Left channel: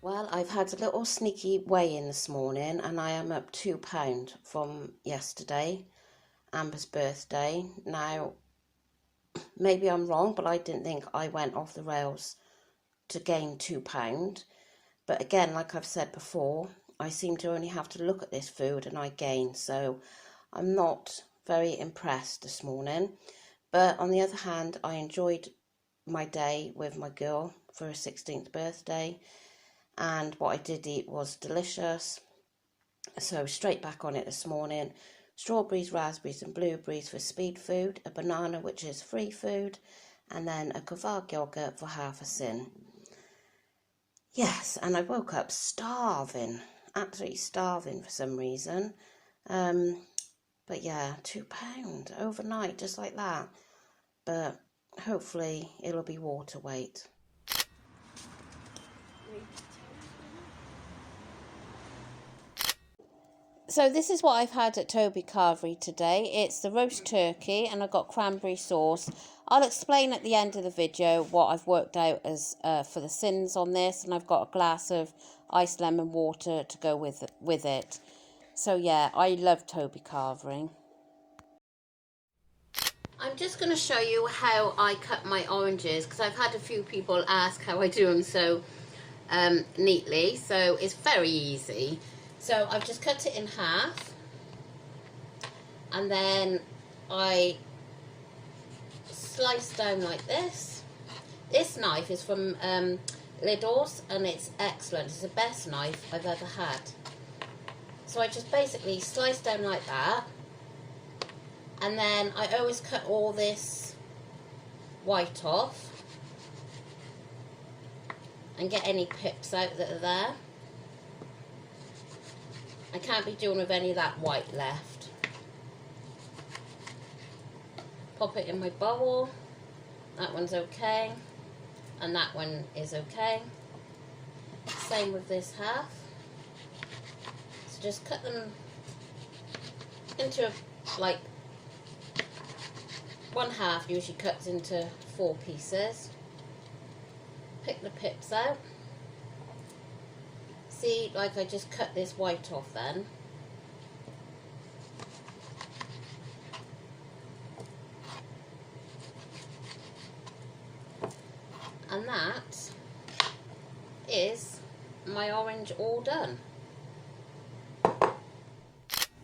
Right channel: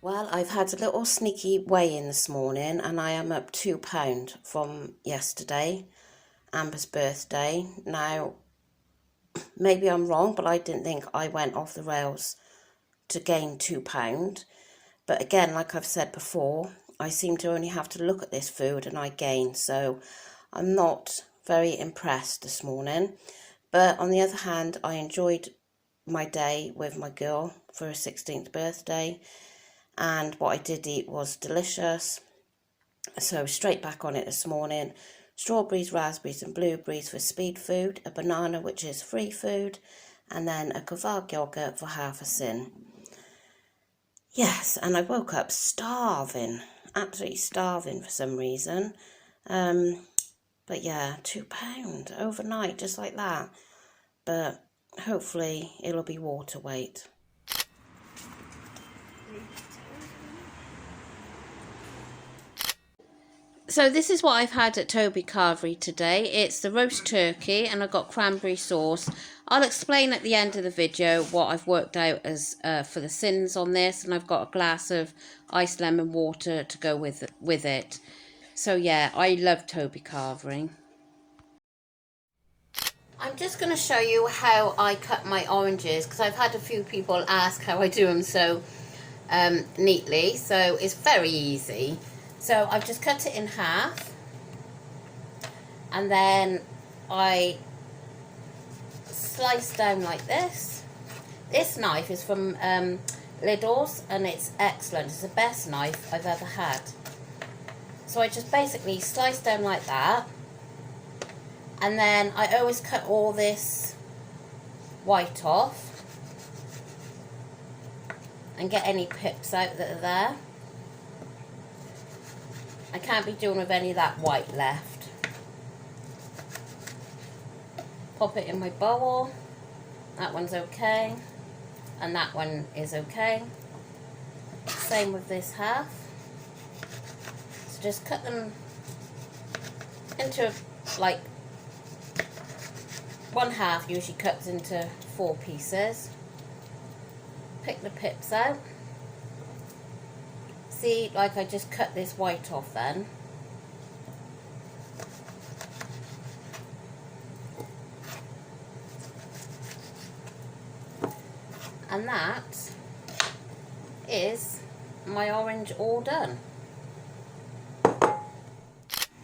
Well, I've had a little sneaky weigh-in this morning and I am up £2 from yesterday, Amber's birthday. Now, maybe I'm wrong, but I didn't think I went off the rails to gain £2. But again, like I've said before, I seem to only have to look at this food and I gain. So I'm not very impressed this morning. But on the other hand, I enjoyed my day with my girl for her 16th birthday. And what I did eat was delicious. So straight back on it this morning. Strawberries, raspberries and blueberries for speed food, a banana which is free food, and then a carvery yogurt for half a sin. Yes, and I woke up starving, absolutely starving for some reason. But yeah, £2 overnight, just like that. But hopefully it'll be water weight. So this is what I've had at Toby Carvery today. It's the roast turkey and I've got cranberry sauce. I'll explain at the end of the video what I've worked out as for the sins on this, and I've got a glass of iced lemon water to go with it. So yeah, I love Toby Carvery. I'm just going to show you how I cut my oranges because I've had a few people ask how I do them so neatly. So it's very easy. So I've just cut it in half and then I slice down like this. This knife is from Lidl's and it's excellent. It's the best knife I've ever had. So I just basically slice down like that, and then I always cut all this white off and get any pips out that are there. I can't be doing with any of that white left. Pop it in my bowl. That one's okay. And that one is okay. Same with this half. So just cut them into like one half usually cuts into 4 pieces. Pick the pips out. See, like I just cut this white off then. And that is my orange all done.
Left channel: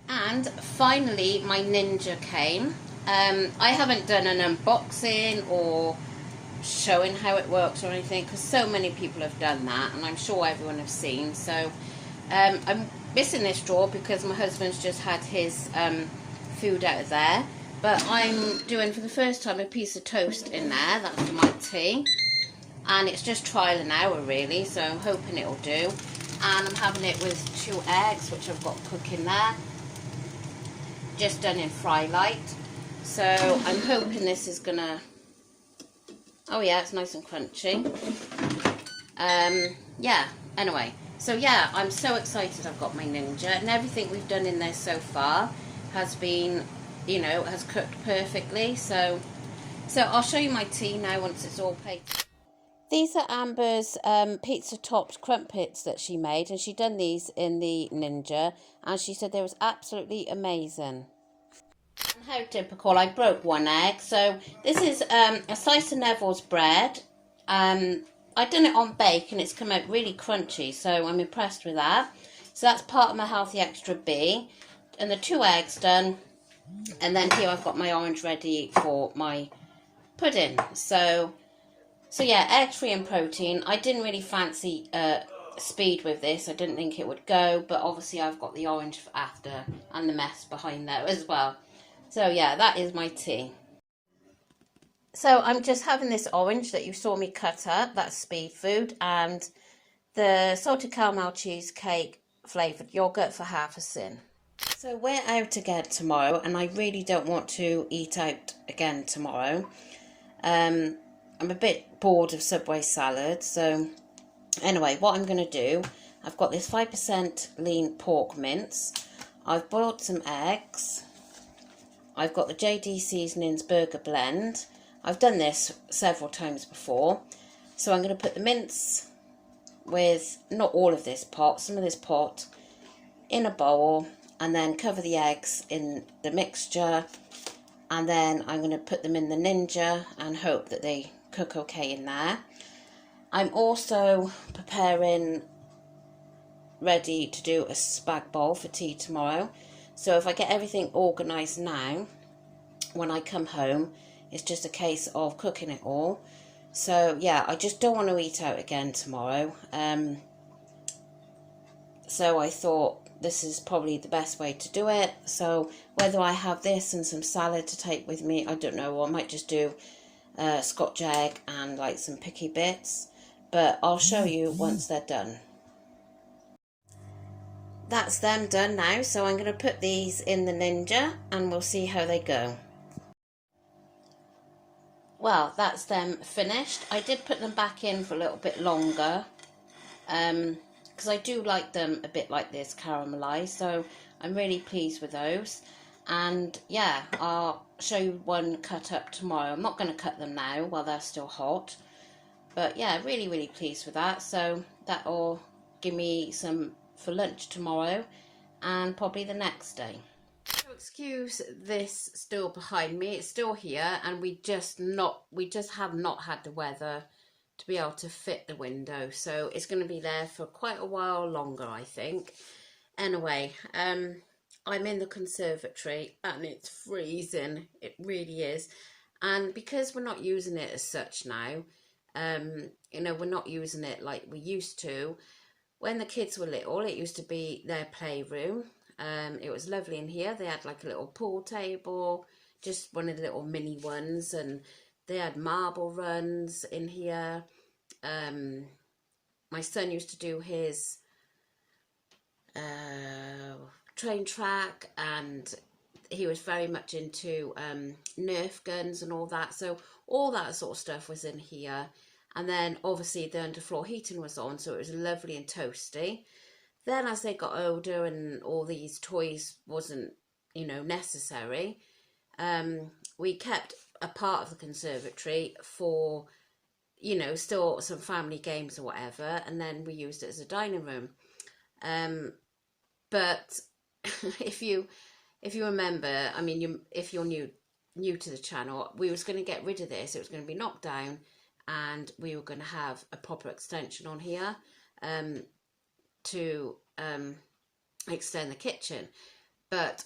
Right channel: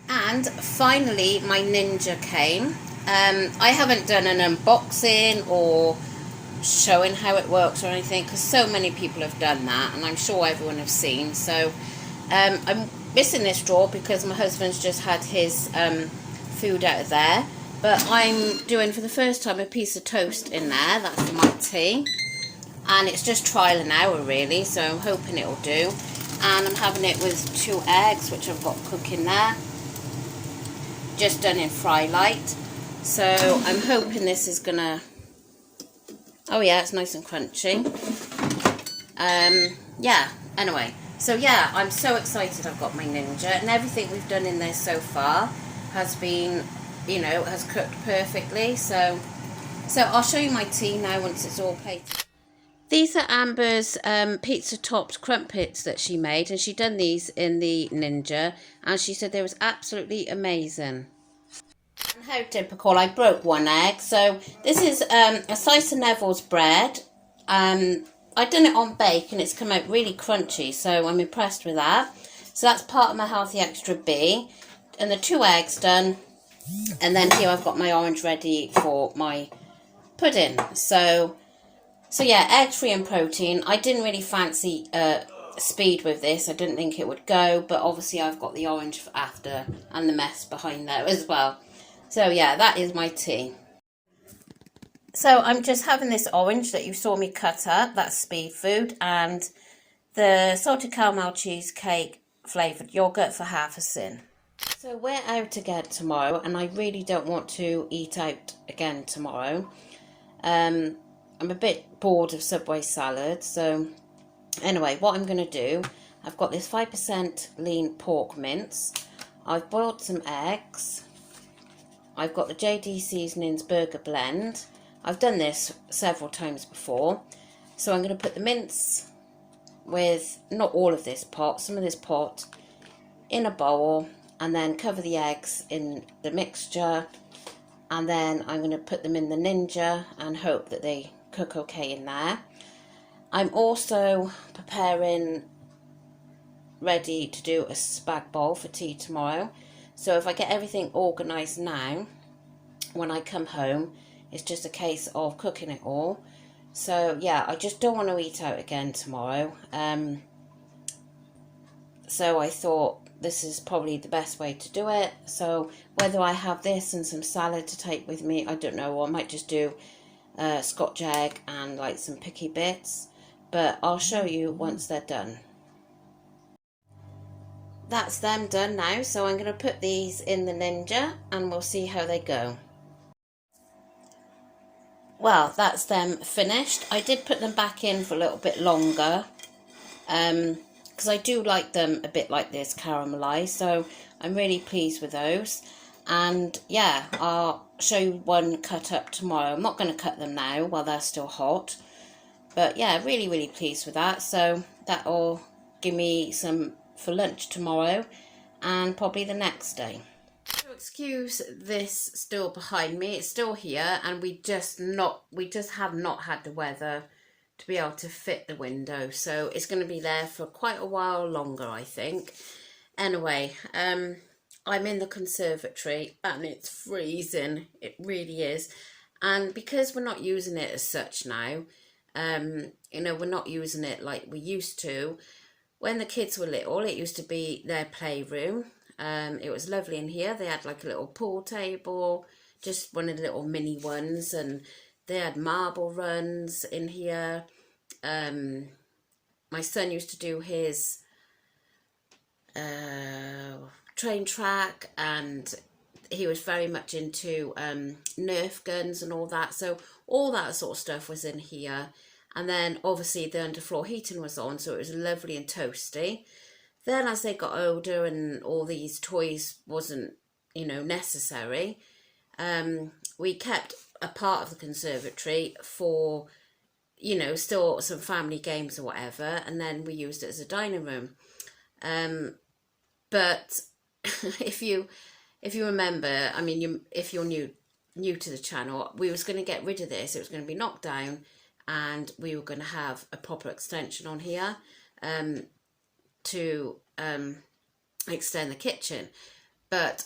And finally my Ninja came. I haven't done an unboxing or showing how it works or anything because so many people have done that and I'm sure everyone has seen. So I'm missing this drawer because my husband's just had his food out of there, but I'm doing for the first time a piece of toast in there. That's for my tea, and it's just trial and error really, so I'm hoping it'll do. And I'm having it with 2 eggs which I've got cooking there, just done in fry light. So I'm hoping this is gonna, oh yeah, it's nice and crunchy. Yeah, anyway, so yeah, I'm so excited I've got my Ninja, and everything we've done in this so far has been, you know, has cooked perfectly. So I'll show you my tea now once it's all plated. These are Amber's pizza topped crumpets that she made, and she done these in the Ninja, and she said they was absolutely amazing. And how typical, I broke 1 egg. So this is a slice of Neville's bread. I done it on bake and it's come out really crunchy, so I'm impressed with that. So that's part of my Healthy Extra B. And the 2 eggs done. And then here I've got my orange ready for my pudding. So yeah, egg-free and protein. I didn't really fancy speed with this. I didn't think it would go, but obviously I've got the orange for after and the mess behind there as well. So yeah, that is my tea. So I'm just having this orange that you saw me cut up, that's speed food, and the salted caramel cheesecake flavoured yoghurt for half a sin. So we're out again tomorrow, and I really don't want to eat out again tomorrow. I'm a bit bored of Subway salad, so anyway, what I'm going to do, I've got this 5% lean pork mince, I've boiled some eggs, I've got the JD Seasonings burger blend. I've done this several times before. So I'm going to put the mince with not all of this pot, some of this pot in a bowl, and then cover the eggs in the mixture, and then I'm going to put them in the Ninja and hope that they cook okay in there. I'm also preparing ready to do a spag bol for tea tomorrow, so if I get everything organised now, when I come home, it's just a case of cooking it all. So yeah, I just don't want to eat out again tomorrow, so I thought this is probably the best way to do it. So whether I have this and some salad to take with me, I don't know, or I might just do scotch egg and like some picky bits, but I'll show you once they're done. That's them done now, so I'm going to put these in the Ninja and we'll see how they go. Well, that's them finished. I did put them back in for a little bit longer, because I do like them a bit like this, caramelised, so I'm really pleased with those. And yeah, I'll show you one cut up tomorrow. I'm not going to cut them now while they're still hot, but yeah, really pleased with that. So that'll give me some for lunch tomorrow and probably the next day. So excuse this still behind me, it's still here, and we just have not had the weather to be able to fit the window, so it's going to be there for quite a while longer, I think. Anyway, I'm in the conservatory and it's freezing, it really is, and because we're not using it as such now, you know, we're not using it like we used to. When the kids were little, it used to be their playroom. It was lovely in here. They had like a little pool table, just one of the little mini ones, and they had marble runs in here. My son used to do his train track, and he was very much into Nerf guns and all that. So all that sort of stuff was in here. And then obviously the underfloor heating was on, so it was lovely and toasty. Then as they got older and all these toys wasn't, you know, necessary, we kept a part of the conservatory for, you know, still some family games or whatever, and then we used it as a dining room. But if you remember, I mean, if you're new to the channel, we was going to get rid of this. It was going to be knocked down, and we were going to have a proper extension on here to extend the kitchen. But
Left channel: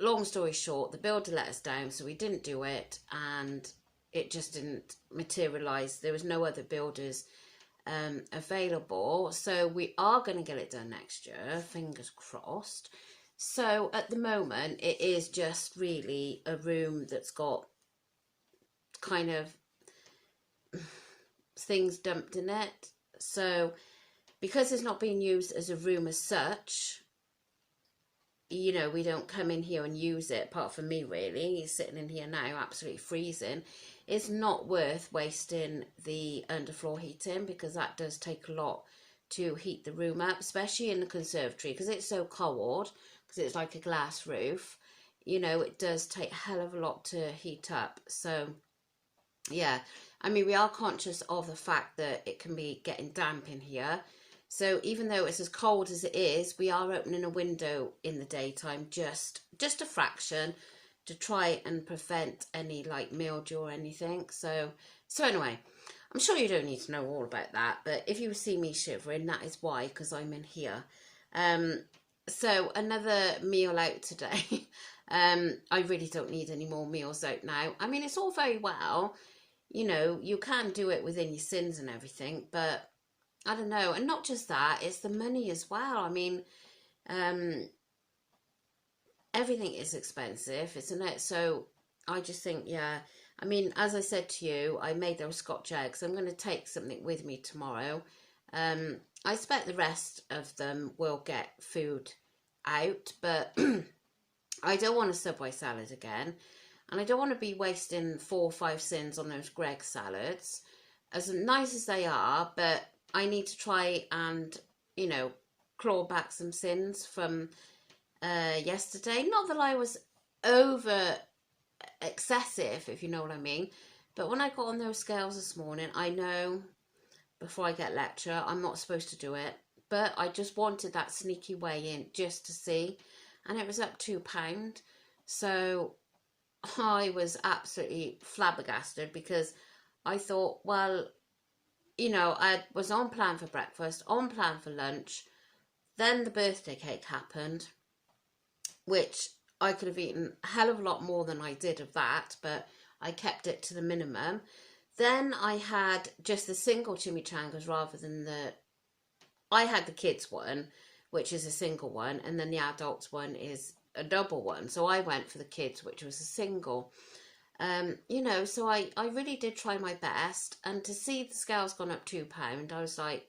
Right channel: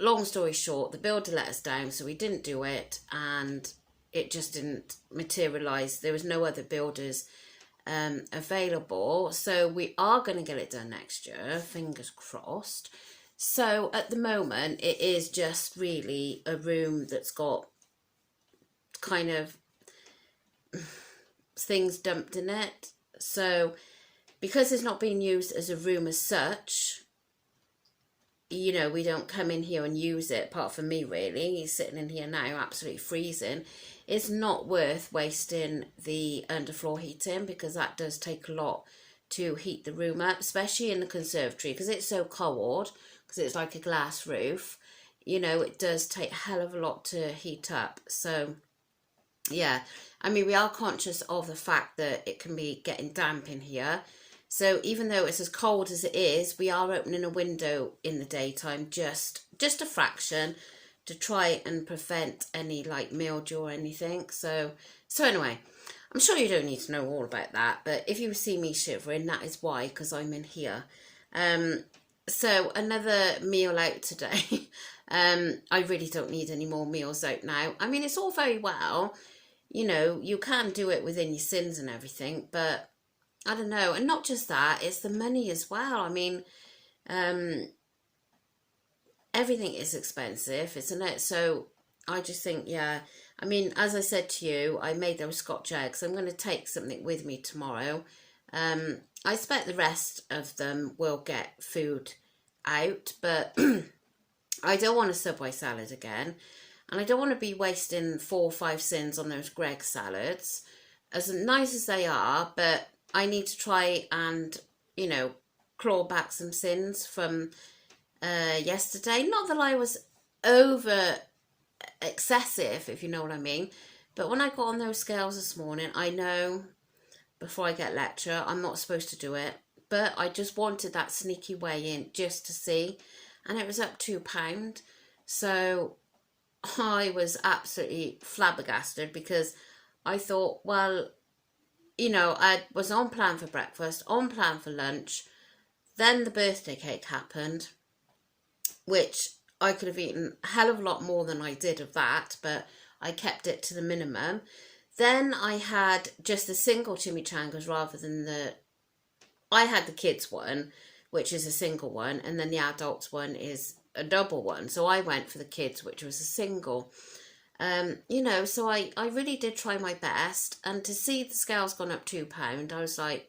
long story short, the builder let us down, so we didn't do it, and it just didn't materialise. There was no other builders available, so we are going to get it done next year, fingers crossed. So at the moment, it is just really a room that's got kind of things dumped in it. So because it's not being used as a room as such, you know, we don't come in here and use it, apart from me really. He's sitting in here now absolutely freezing. It's not worth wasting the underfloor heating, because that does take a lot to heat the room up, especially in the conservatory, because it's so cold, because it's like a glass roof. You know, it does take a hell of a lot to heat up. So yeah, I mean, we are conscious of the fact that it can be getting damp in here. So even though it's as cold as it is, we are opening a window in the daytime, just a fraction, to try and prevent any like mildew or anything. So anyway, I'm sure you don't need to know all about that, but if you see me shivering, that is why, because I'm in here. So another meal out today. I really don't need any more meals out now. I mean, it's all very well, you know, you can do it within your sins and everything, but I don't know. And not just that, it's the money as well. I mean, everything is expensive, isn't it? So I just think, yeah, I mean, as I said to you, I made those scotch eggs. I'm going to take something with me tomorrow. I expect the rest of them will get food out, but I don't want a Subway salad again. And I don't want to be wasting 4 or 5 cents on those Greggs salads, as nice as they are, but I need to try and, you know, claw back some sins from yesterday. Not that I was over excessive, if you know what I mean, but when I got on those scales this morning, I know before I get lecture. I'm not supposed to do it, but I just wanted that sneaky way in just to see, and it was up £2. So I was absolutely flabbergasted because I thought, well, you know, I was on plan for breakfast, on plan for lunch. Then the birthday cake happened, which I could have eaten a hell of a lot more than I did of that, but I kept it to the minimum. Then I had just the single chimichangas rather than I had the kids one, which is a single one, and then the adults one is a double one. So I went for the kids, which was a single. You know, so I really did try my best, and to see the scales gone up £2, I was like,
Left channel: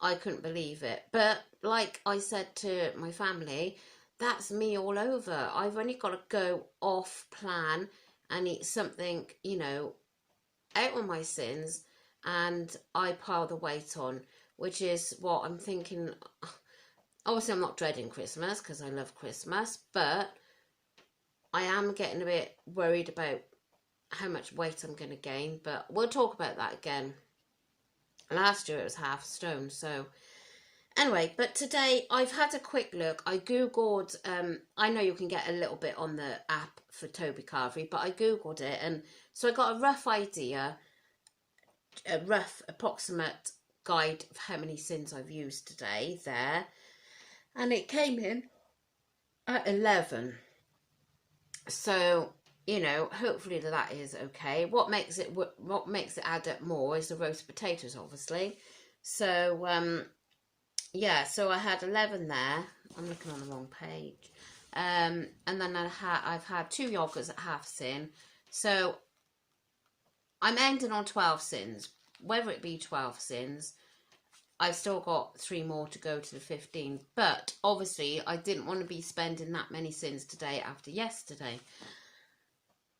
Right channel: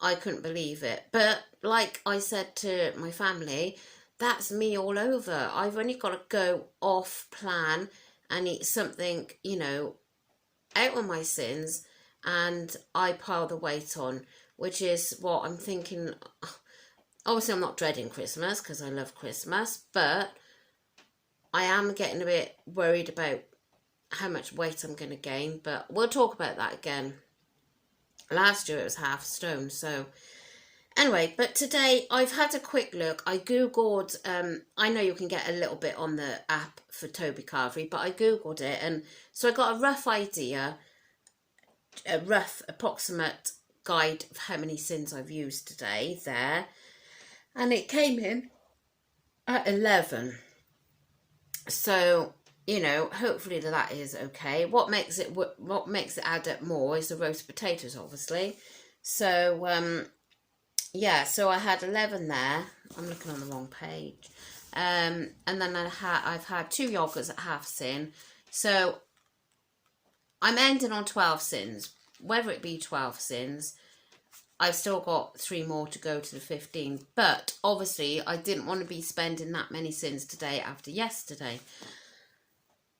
I couldn't believe it. But like I said to my family, that's me all over. I've only got to go off plan and eat something, you know, out on my sins, and I pile the weight on, which is what I'm thinking. Obviously, I'm not dreading Christmas because I love Christmas, but I am getting a bit worried about how much weight I'm going to gain, but we'll talk about that again. Last year it was half a stone, so anyway, but today I've had a quick look. I googled, I know you can get a little bit on the app for Toby carvery, but I googled it, and so I got a rough idea, a rough approximate guide of how many sins I've used today there, and it came in at 11. So, you know, hopefully that is okay. What makes it add up more is the roast potatoes, obviously. So yeah, so I had 11 there. I'm looking on the wrong page. And then I've had 2 yogurts at half sin. So I'm ending on 12 sins. Whether it be 12 sins, I've still got 3 more to go to the 15. But obviously I didn't want to be spending that many sins today after yesterday.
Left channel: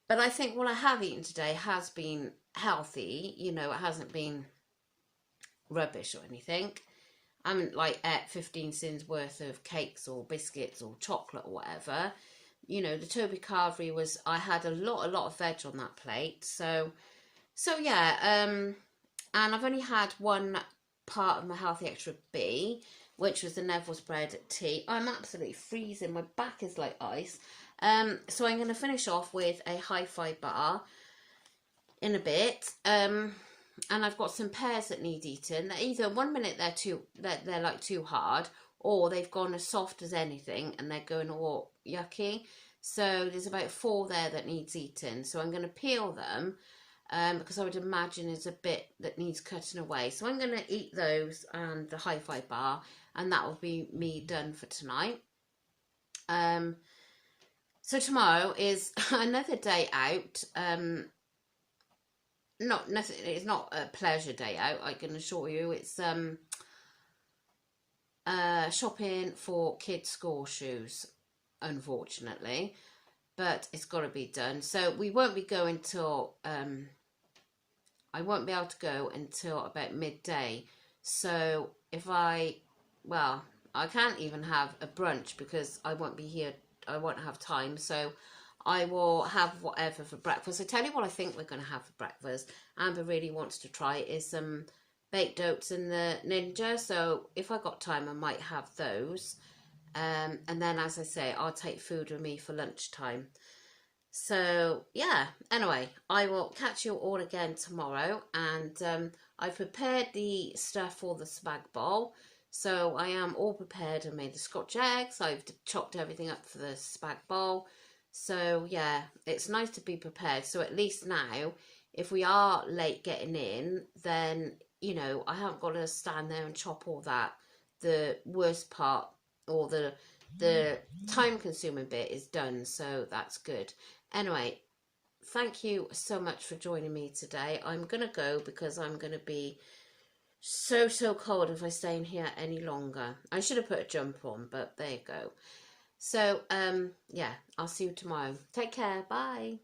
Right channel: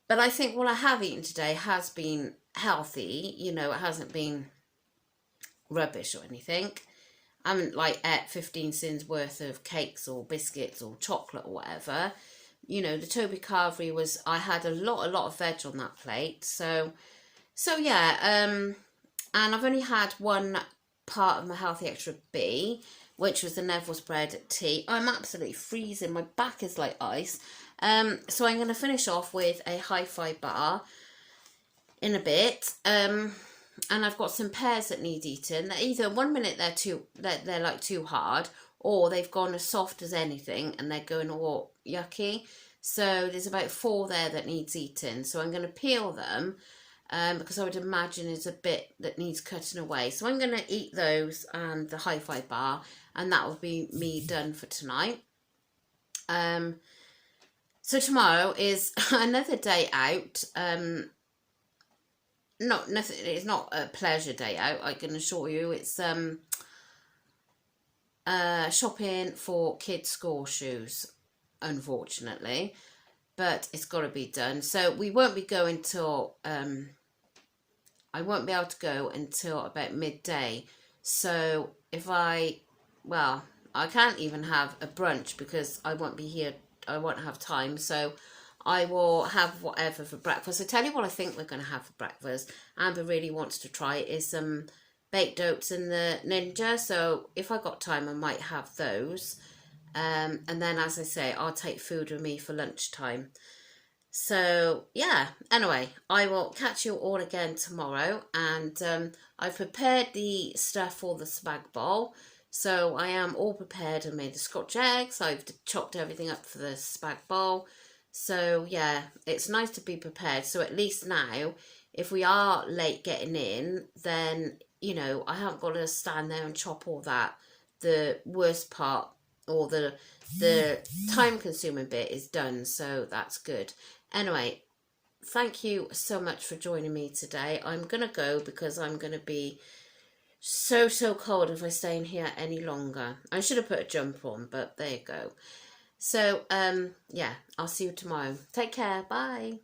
But I think what I have eaten today has been healthy. You know, it hasn't been rubbish or anything. I haven't like ate 15 sins worth of cakes or biscuits or chocolate or whatever. You know, the Toby carvery was, I had a lot of veg on that plate. So yeah, and I've only had one part of my Healthy Extra B, which was the Neville's bread tea. I'm absolutely freezing. My back is like ice. So I'm going to finish off with a hi-fi bar in a bit. And I've got some pears that need eating. They're either 1 minute they're like too hard, or they've gone as soft as anything and they're going all yucky. So there's about 4 there that needs eating. So I'm going to peel them. Because I would imagine there's a bit that needs cutting away. So I'm going to eat those and the hi-fi bar, and that will be me done for tonight. So tomorrow is another day out. It's not a pleasure day out, I can assure you. It's shopping for kids' school shoes, unfortunately. But it's got to be done. So we won't be going till I won't be able to go until about midday. So if I can't even have a brunch because I won't be here. I won't have time. So I will have whatever for breakfast. I tell you what I think we're going to have for breakfast. Amber really wants to try is some baked oats in the Ninja. So if I got time, I might have those. And then, as I say, I'll take food with me for lunchtime. So, yeah, anyway, I will catch you all again tomorrow. And I've prepared the stuff for the spag bowl. So I am all prepared. I made the scotch eggs. I've chopped everything up for the spag bowl. So, yeah, it's nice to be prepared. So at least now, if we are late getting in, then, you know, I haven't got to stand there and chop all that. The worst part, or the time-consuming bit, is done, so that's good. Anyway, thank you so much for joining me today. I'm going to go because I'm going to be so cold if I stay in here any longer. I should have put a jumper on, but there you go. So, yeah, I'll see you tomorrow. Take care. Bye.